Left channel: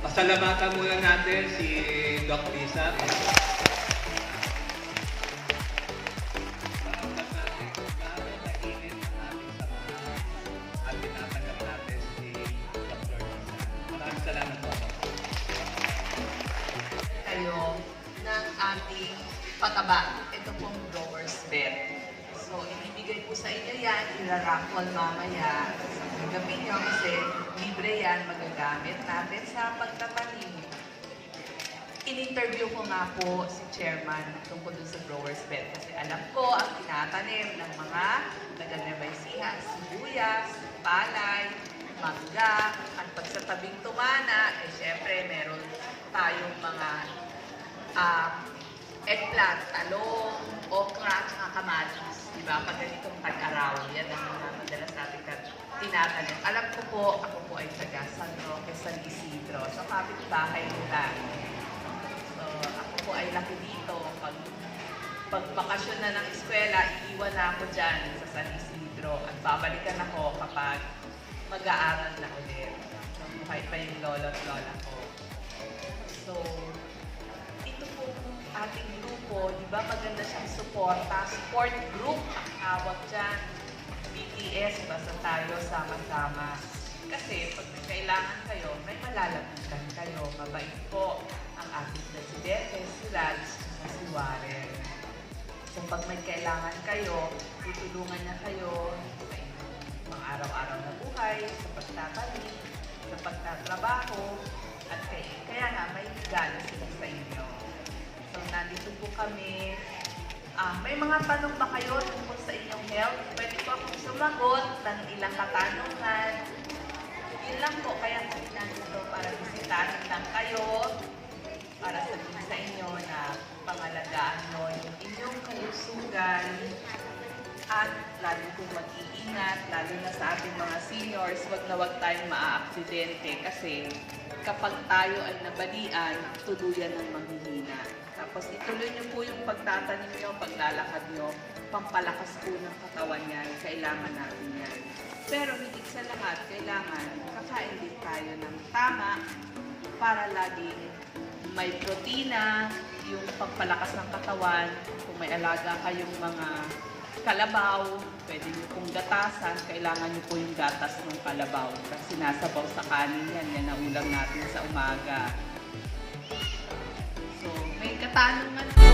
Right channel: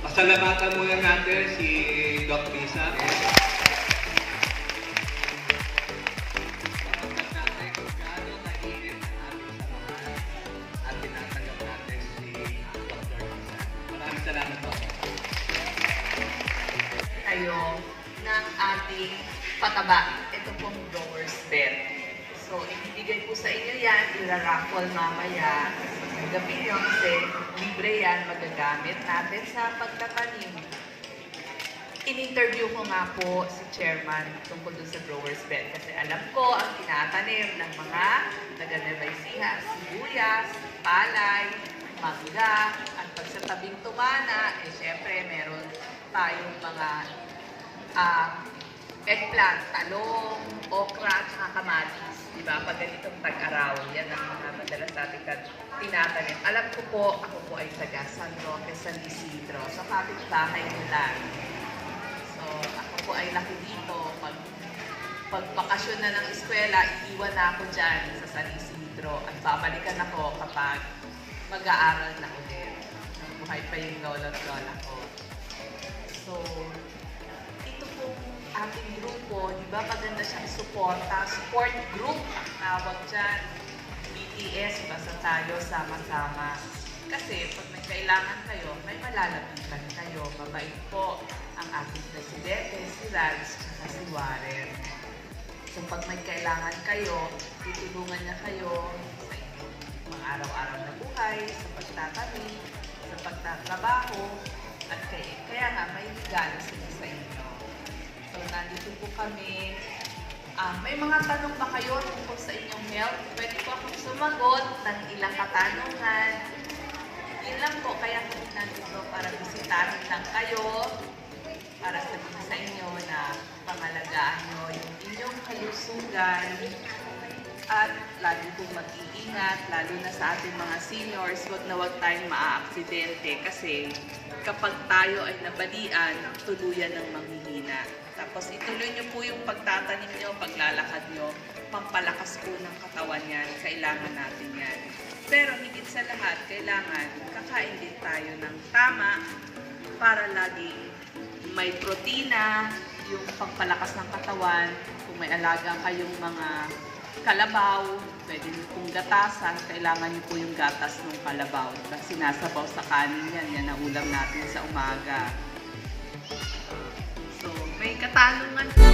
pasalamatan muna natin si Doc Lisa. Maraming salamat po. Tayo ng ating pataba. Ito pong Growers Bet. So, ibibigay po sa inyo yan, ilaraffle mamaya. Gagawin nyo kasi libre yan, magagamit natin sa pagtatanim. In-interview ko nga po si Chairman tungkol dun sa Growers Bet kasi alam ko ang tinatanim ng mga taga-Nueva sibuyas, palay, mangga, at pag sa tabing tumana, syempre meron tayong mga eggplant, talong, okra, at kamatis. Diba? Pag ganitong tag-araw, yan ang mga madalas natin tinatanim. Alam ko po, ako po ay taga San Roque, San Isidro. Sa kapitbahay ko lang. So, ako po ay laki dito. Pag bakasyon na ng eskwela, iiwan na ako dyan sa San Isidro. At babalikan ako kapag mag-aaral na ulit. Buhay pa yung lolo-lola ko. So, ating grupo, di ba maganda siyang suporta, support group ang tawag dyan. BTS, basta tayo sama-sama. Kasi pag may kailangan kayo, may malalapitan kayo. Mabait po ang ating presidente, si Raj, at si Warren. So pag may kailangan kayo, tutulungan niya kayo sa inyong mga araw-araw na buhay, sa pagtatanim, sa pagtatrabaho, at kaya nga may higala sila sa inyo. So, nandito po kami. May mga tanong ba kayo tungkol sa inyong health? Pwede po akong sumagot ng ilang katanungan. Yun lang po, kaya po nandito para bisitahin lang kayo, para sabihin sa inyo na pangalagaan nyo yung inyong kalusugan at lalo pong mag-iingat, lalo na sa ating mga seniors, wag na wag tayong maaaksidente kasi kapag tayo ay nabalian, tuluyan ng manghihina. Tapos ituloy niyo po yung pagtatanim niyo, paglalakad niyo, pampalakas po ng katawan yan, kailangan natin yan. Pero higit sa lahat, kailangan kakain din tayo ng tama para laging may protina, yung pampalakas ng katawan. Kung may alaga kayong mga kalabaw, pwede niyo pong gatasan, kailangan niyo po yung gatas ng kalabaw. Kasi sinasabaw sa kanin yan ang ulam natin sa umaga. So, may katanungan po.